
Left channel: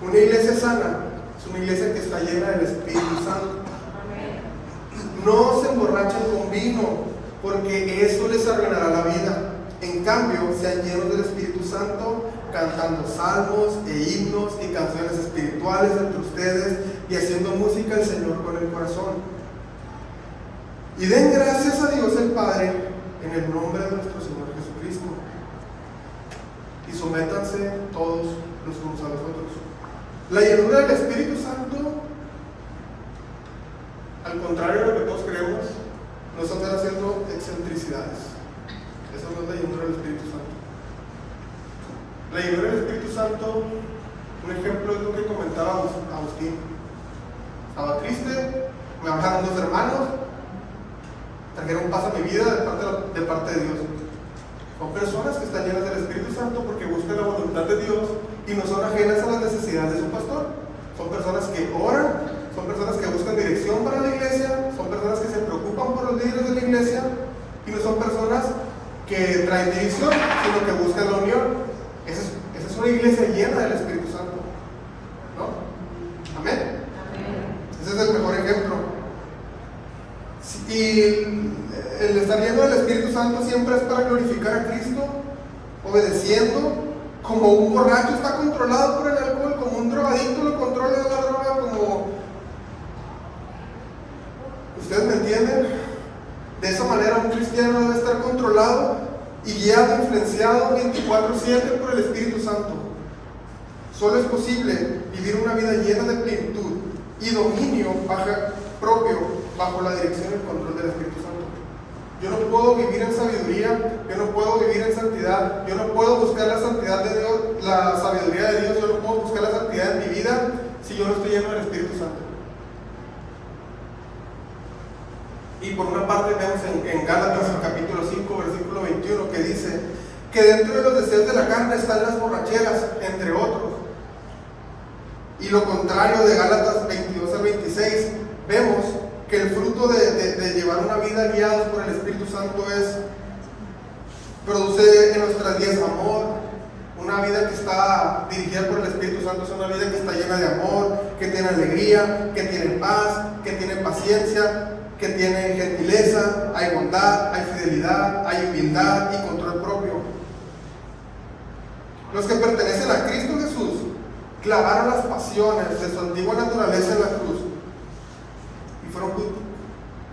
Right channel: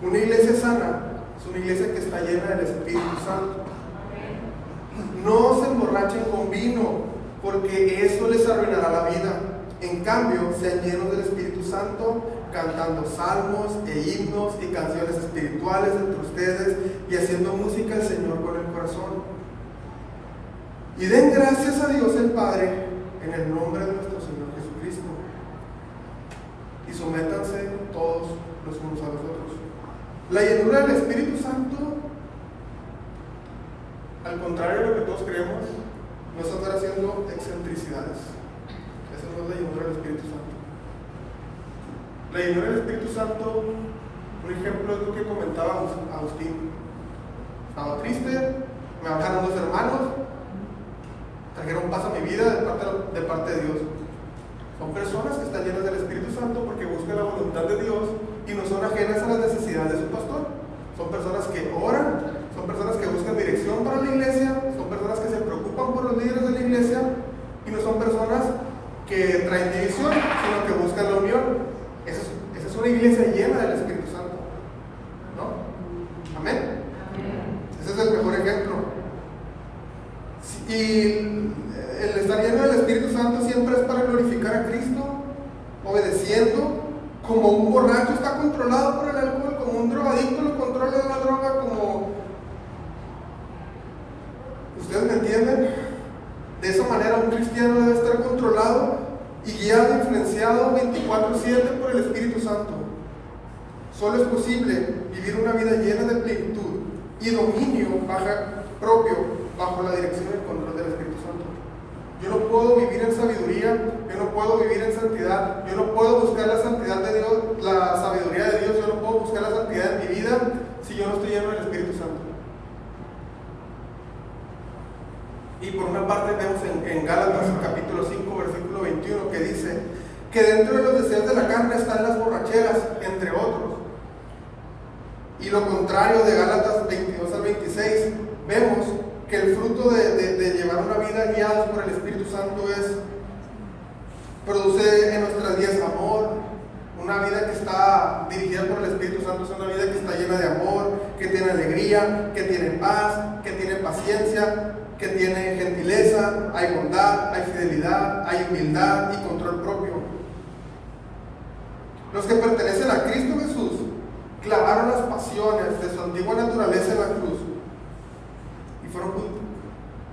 Una iglesia sana es una iglesia que está llena del Espíritu Santo. No se emborrachen con vino, porque eso les arruinará la vida. En cambio, sean llenos del Espíritu Santo, cantando salmos e himnos y canciones espirituales entre ustedes y haciendo música al Señor con el corazón. Y den gracias a Dios el Padre en el nombre de nuestro Señor Jesucristo. Y sométanse todos los unos a los otros. La llenura del Espíritu Santo, al contrario de lo que todos creemos, no es andar haciendo excentricidades. Esa no es la llenura del Espíritu Santo. La llenura del Espíritu Santo, un ejemplo es lo que comentaba Agustín. Estaba triste, cristianos trajeron paz a mi vida de parte de Dios. Son personas que están llenas del Espíritu Santo porque buscan la voluntad de Dios y no son ajenas a las necesidades de su pastor. Son personas que oran, son personas que buscan dirección para la iglesia, son personas que se preocupan por los líderes de la iglesia y no son personas que traen división, sino que buscan la unión. Esa es una iglesia llena del Espíritu Santo, ¿no? Amén. Ese es el mejor ejemplo. Y el estar lleno del Espíritu Santo siempre es para glorificar a Cristo, obedeciendo, como un borracho está controlado por el alcohol, como un drogadicto lo controla la droga, como... ¿Ustedes me entienden? De esa manera un cristiano debe estar controlado y guiado, influenciado 24/7 por el Espíritu Santo. Solo es posible vivir una vida llena de plenitud y dominio propio bajo la dirección y el control del Espíritu Santo. Yo no puedo vivir en sabiduría, yo no puedo vivir en santidad, yo no puedo buscar la santidad de Dios, la sabiduría de Dios, yo no puedo buscar la santidad en mi vida si yo no estoy lleno del Espíritu Santo. Y por una parte vemos en Gálatas capítulo 5 versículo 21 que dice que dentro de los deseos de la carne están las borracheras, entre otros. Y lo contrario de Gálatas 22 al 26, vemos que el fruto de llevar una vida guiados por el Espíritu Santo produce en nuestras vidas amor. Una vida que está dirigida por el Espíritu Santo es una vida que está llena de amor, que tiene alegría, que tiene paz, que tiene paciencia, que tiene gentileza, hay bondad, hay fidelidad, hay humildad y control propio. Los que pertenecen a Cristo Jesús clavaron las pasiones de su antigua naturaleza en la cruz y fueron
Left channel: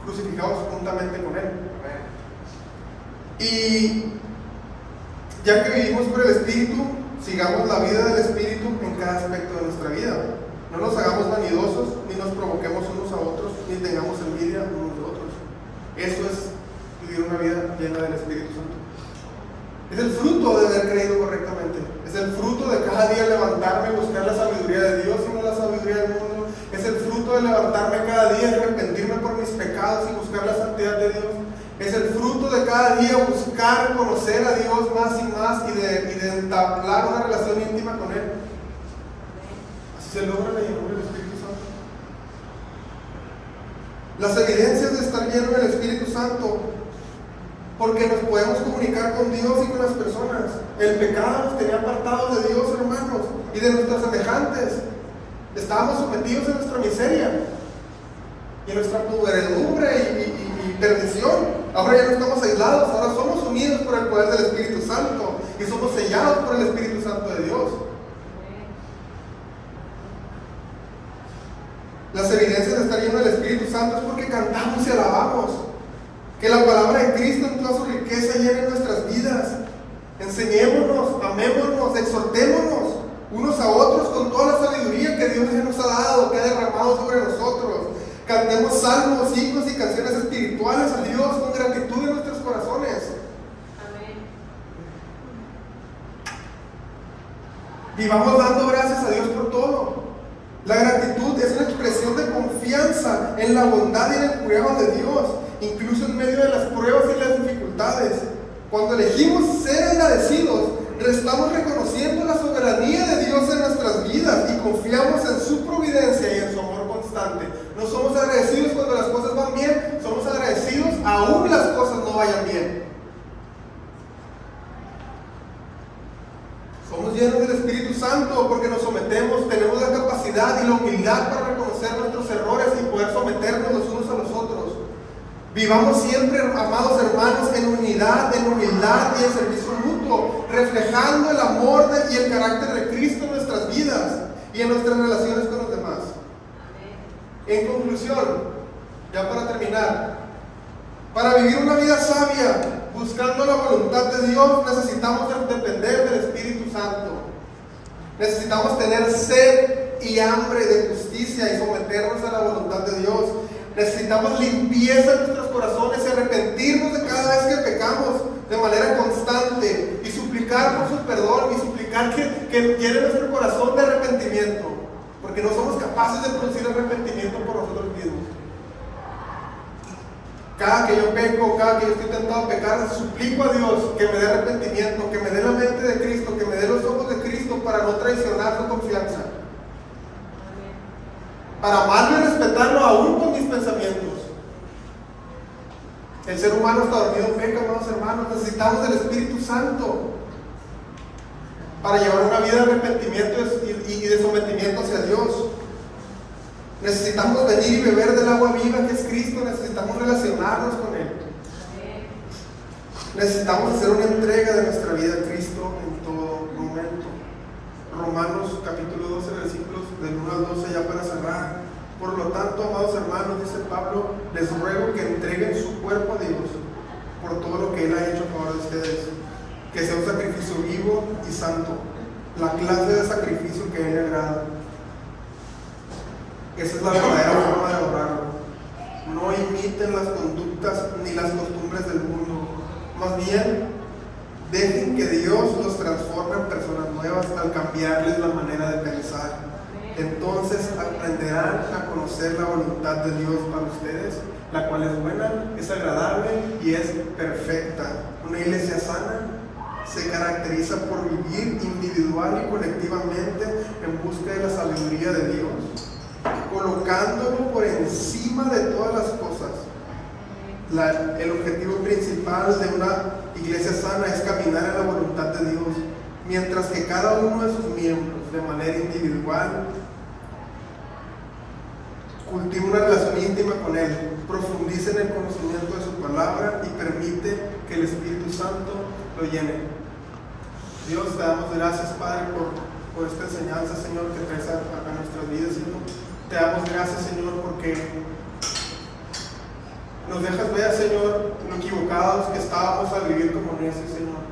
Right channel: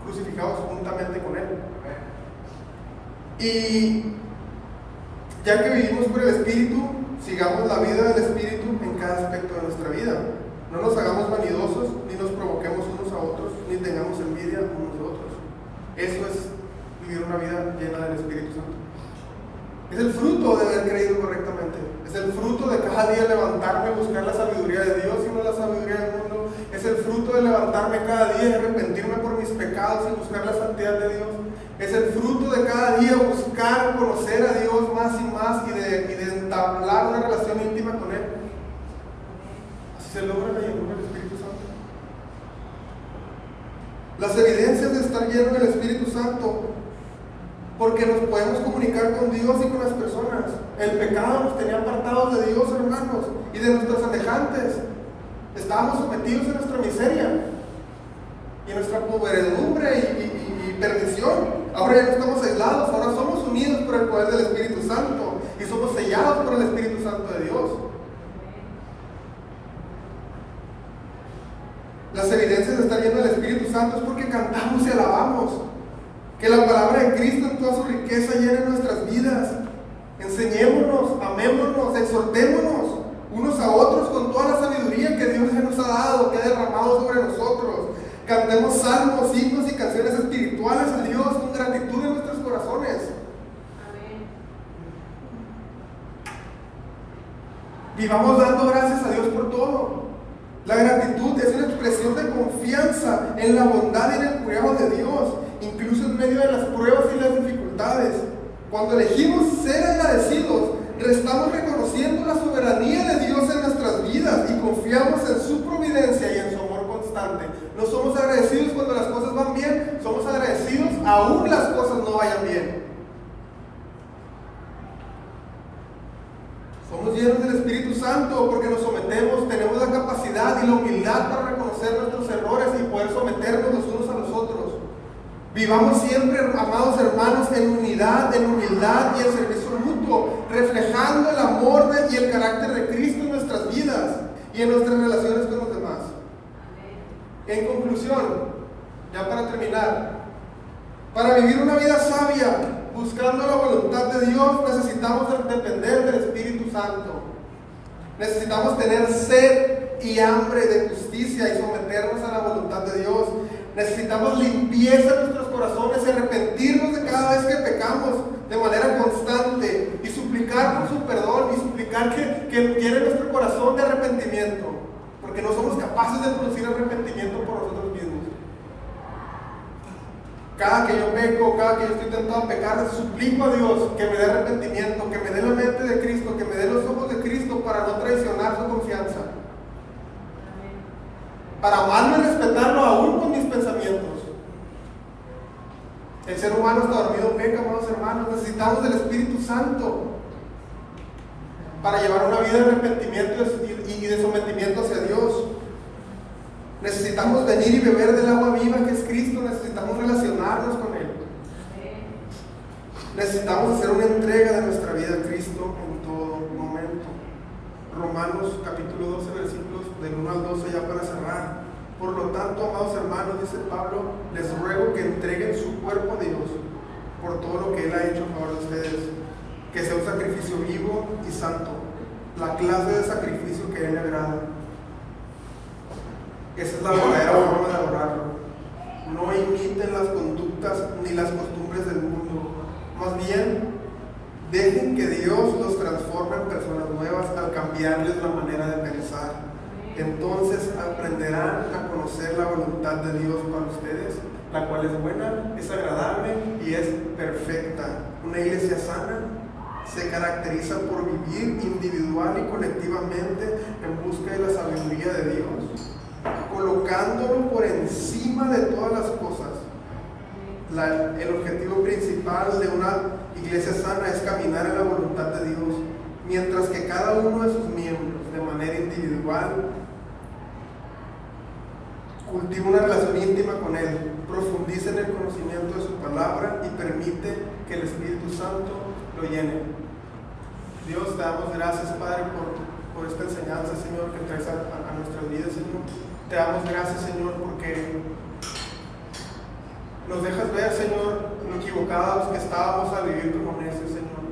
crucificados juntamente con Él. Y ya que vivimos por el Espíritu, sigamos la vida del Espíritu en cada aspecto de nuestra vida. No nos hagamos vanidosos, ni nos provoquemos unos a otros, ni tengamos envidia unos de otros. Eso es vivir una vida llena del Espíritu Santo. Es el fruto de haber creído correctamente. Es el fruto de cada día levantarme y buscar la sabiduría de Dios y no la sabiduría del mundo. Es el fruto de levantarme cada día y arrepentirme por mis pecados y buscar la santidad de Dios. Es el fruto de cada día buscar conocer a Dios más y más y de entablar una relación íntima con Él. Así se logra la llenura del Espíritu Santo. Las evidencias de estar lleno del Espíritu Santo, porque nos podemos comunicar con Dios y con las personas. El pecado nos tenía apartados de Dios, hermanos, y de nuestros semejantes. Estábamos sometidos a nuestra miseria y a nuestra podredumbre y perdición. Ahora ya no estamos aislados, ahora somos unidos por el poder del Espíritu Santo y somos sellados por el Espíritu Santo de Dios. Las evidencias de estar lleno del Espíritu Santo es porque cantamos y alabamos. Que la palabra de Cristo en toda su riqueza llene nuestras vidas. Enseñémonos, amémonos, exhortémonos unos a otros con toda la sabiduría que Dios ya nos ha dado, que ha derramado sobre nosotros. Cantemos salmos, himnos y canciones espirituales a Dios con gratitud en nuestros corazones. Amén. Vivamos dando gracias a Dios por todo. La gratitud es una expresión de confianza en la bondad y en el cuidado de Dios, incluso en medio de las pruebas y las dificultades. Cuando elegimos ser agradecidos, estamos reconociendo la soberanía de Dios en nuestras vidas y confiamos en su providencia y en su amor constante. No somos agradecidos cuando las cosas van bien, somos agradecidos aún las cosas no vayan bien. Somos llenos del Espíritu Santo porque nos sometemos, tenemos la capacidad y la humildad para reconocer nuestros errores y poder someternos los unos a los otros. Vivamos siempre, amados hermanos, en unidad, en humildad y en servicio mutuo, reflejando el amor y el carácter de Cristo en nuestras vidas y en nuestras relaciones con los demás. En conclusión, ya para terminar, para vivir una vida sabia, buscando la voluntad de Dios, necesitamos depender del Espíritu Santo. Necesitamos tener sed y hambre de justicia y someternos a la voluntad de Dios. Necesitamos limpieza en nuestros corazones y arrepentirnos de cada vez que pecamos de manera constante y suplicar por su perdón y suplicar que llene nuestro corazón de arrepentimiento, porque no somos capaces de producir arrepentimiento por nosotros mismos. Cada que yo peco, cada que yo estoy tentado a pecar, suplico a Dios que me dé arrepentimiento, que me dé la mente de Cristo, que me dé los ojos de Cristo para no traicionar su confianza. Para amarlo y respetarlo aún con mis pensamientos. El ser humano está dormido en peca, amados hermanos. Necesitamos del Espíritu Santo para llevar una vida de arrepentimiento y de sometimiento hacia Dios. Necesitamos venir y beber del agua viva que es Cristo. Necesitamos relacionarnos con Él. Necesitamos hacer una entrega de nuestra vida a Cristo en todo momento. Romanos capítulo 12, versículos del 1 al 12, ya para cerrar. Por lo tanto, amados hermanos, dice Pablo, les ruego que entreguen su cuerpo a Dios por todo lo que Él ha hecho a favor de ustedes, que sea un sacrificio vivo y santo, la clase de sacrificio que a Él le agrada. Esa es la verdadera forma de adorarlo. No imiten las conductas ni las costumbres del mundo, más bien dejen que Dios los transforme en personas nuevas al cambiarles la manera de pensar. Entonces aprenderán a conocer la voluntad de Dios para ustedes, la cual es buena, es agradable y es perfecta. Una iglesia sana se caracteriza por vivir individual y colectivamente en busca de la sabiduría de Dios, colocándolo por encima de todas las cosas. El objetivo principal de una iglesia sana es caminar en la voluntad de Dios, mientras que cada uno de sus miembros, de manera individual, cultiva una relación íntima con Él, profundice en el conocimiento de su palabra y permite que el Espíritu Santo lo llene. Dios, te damos gracias, Padre, por esta enseñanza, Señor, que traes a nuestras vidas, Señor. Te damos gracias, Señor, porque nos dejas ver, Señor, lo equivocados que estábamos al vivir como necios, Señor.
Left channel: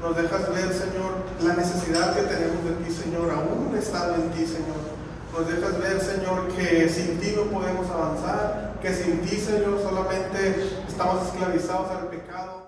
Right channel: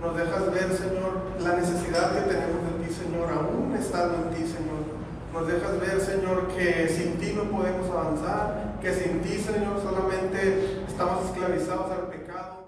Nos dejas ver, Señor, la necesidad que tenemos de ti, Señor, aún estando en ti, Señor. Nos dejas ver, Señor, que sin ti no podemos avanzar, que sin ti, Señor, solamente estamos esclavizados al pecado.